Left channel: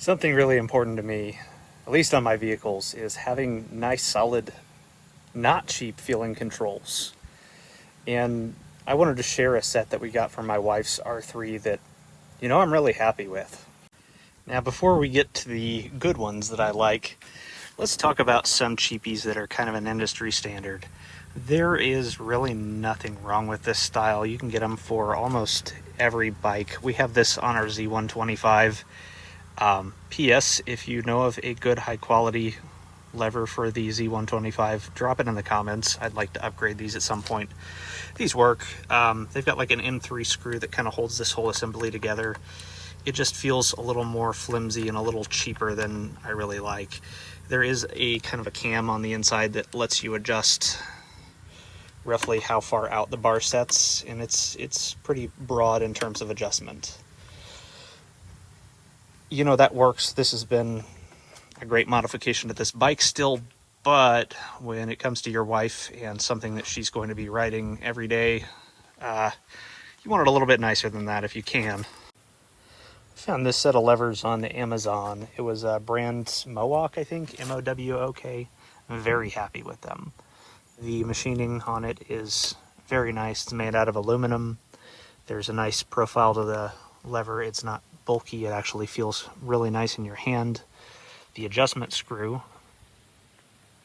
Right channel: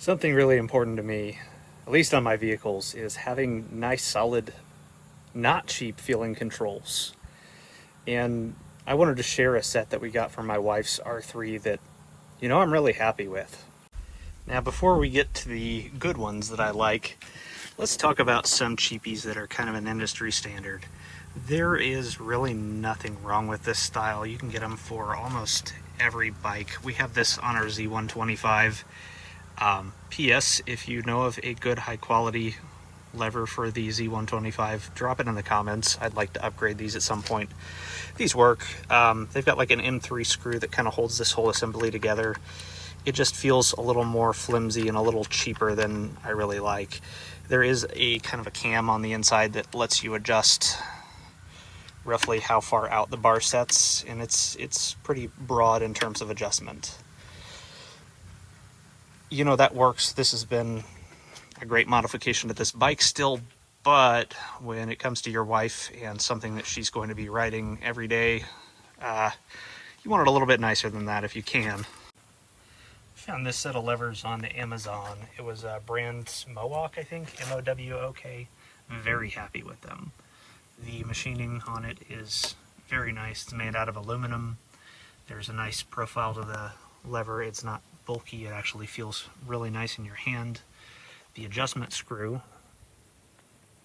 Something really important to me, at least on my vehicles, is having nice, solid, not cheap feeling controls. And I wanted to share a set that we got from my wife's R3 that, I'm really happy with. Now, before we get to the good ones that I like, let's talk about some cheapies that are kind of an industry standard. There is really nothing wrong with this style. You can get them for almost every bike. We have this on our Z125. P.S. If you know of a good high quality lever for the Z125, drop it in the comments. I'd like to upgrade these at some point. These work. They've got like an M3 screw that kind of holds this whole assembly together. It just feels a little more flimsy and a little cheaper than I really like. There is a kind of a cam on the inside that lets you adjust roughly how far out the bar sets, and it's pretty broad in terms of adjustment. That works. This has been a great modification to this bike still, but when it comes to your wife and something that she's going to be riding every day, you want it a little bit nicer than that if you can. I found this set of levers on Amazon. It was a brand Mowok, I think, M-O-W-O-K. I'm very happy with them. The machining on it is very nice. It's made out of aluminum. There's a nice profile to the lever. It's not bulky. It actually feels really nice in your hand. The adjustment screw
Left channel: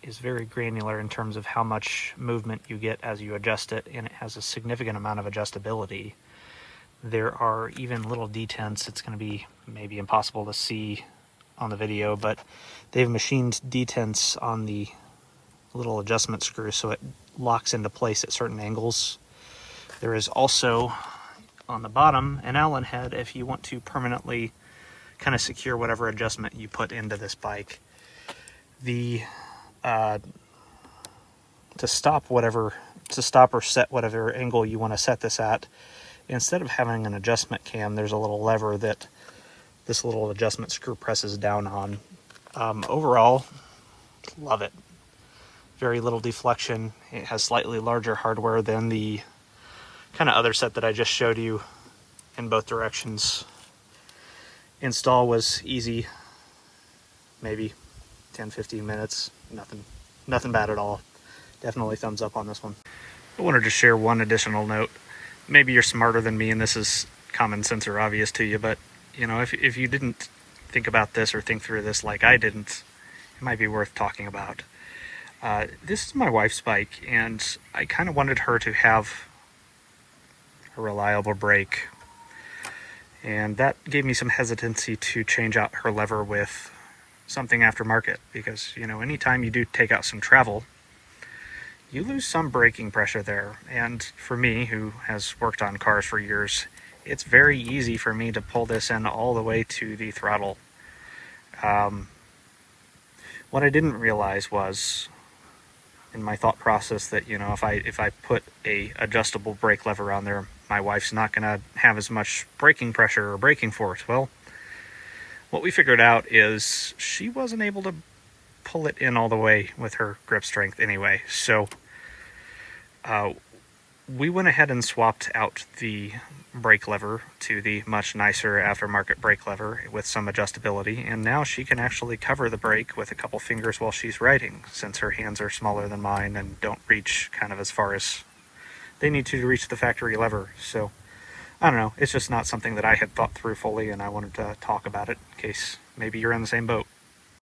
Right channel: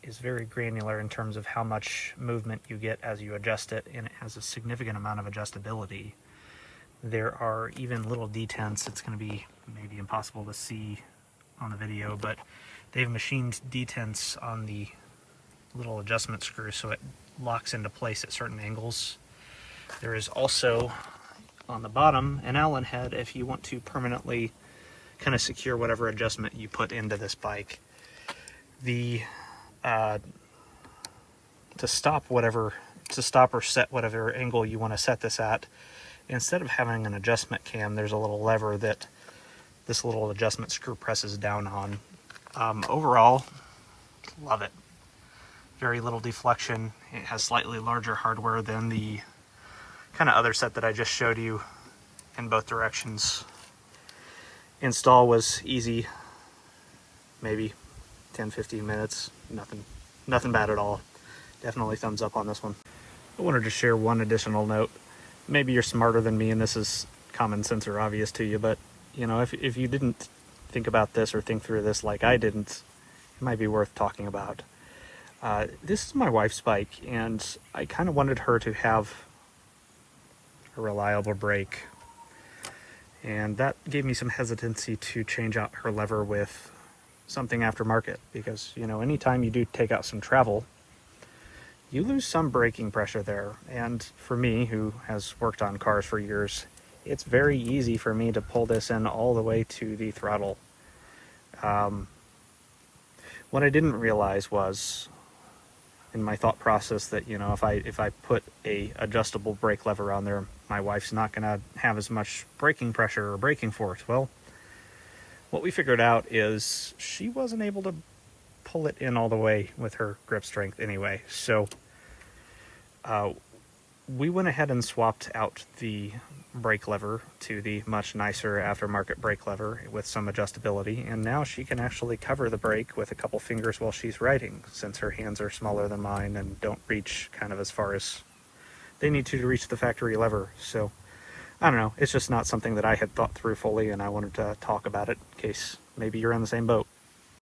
is very granular in terms of how much movement you get as you adjust it, and it has a significant amount of adjustability. There are even little detents. It's going to be maybe impossible to see on the video, but they've machined detents on the little adjustment screw so it locks into place at certain angles. There is also on the bottom an Allen head if you want to permanently kind of secure whatever adjustment you put into this bike. To stop or set whatever angle you want to set this at, instead of having an adjustment cam, there's a little lever that this little adjustment screw presses down on. Overall, love it. Very little deflection. It has slightly larger hardware than the kind of other set that I just showed you in both directions. Install was easy, maybe 10-15 minutes. Nothing bad at all. Definitely thumbs up on this one. I wanted to share one additional note. Maybe you're smarter than me and this is common sense or obvious to you, but if you didn't think about this or think through this like I didn't, it might be worth talking about. This is my wife's bike, and I kind of wanted her to have a reliable brake, and that gave me some hesitancy to change out her lever with something aftermarket, because anytime you do take out some travel, you lose some braking pressure there. And for me, who has worked on cars for years, it's very easy for me to pull this in all the way to the throttle. What I didn't realize was in my thought process that if I put a adjustable brake lever on there, my wife's not going to have as much braking pressure or braking force. Well, what we figured out is she wasn't able to pull it in all the way with her grip strength anyway. So we went ahead and swapped out the brake lever to the much nicer aftermarket brake lever with some adjustability, and now she can actually cover the brake with a couple fingers while she's riding, since her hands are smaller than mine and don't reach kind of as far as they need to reach the factory lever. So I don't know, it's just not something that I had thought through fully, and I wanted to talk about it in case maybe you're in the same boat.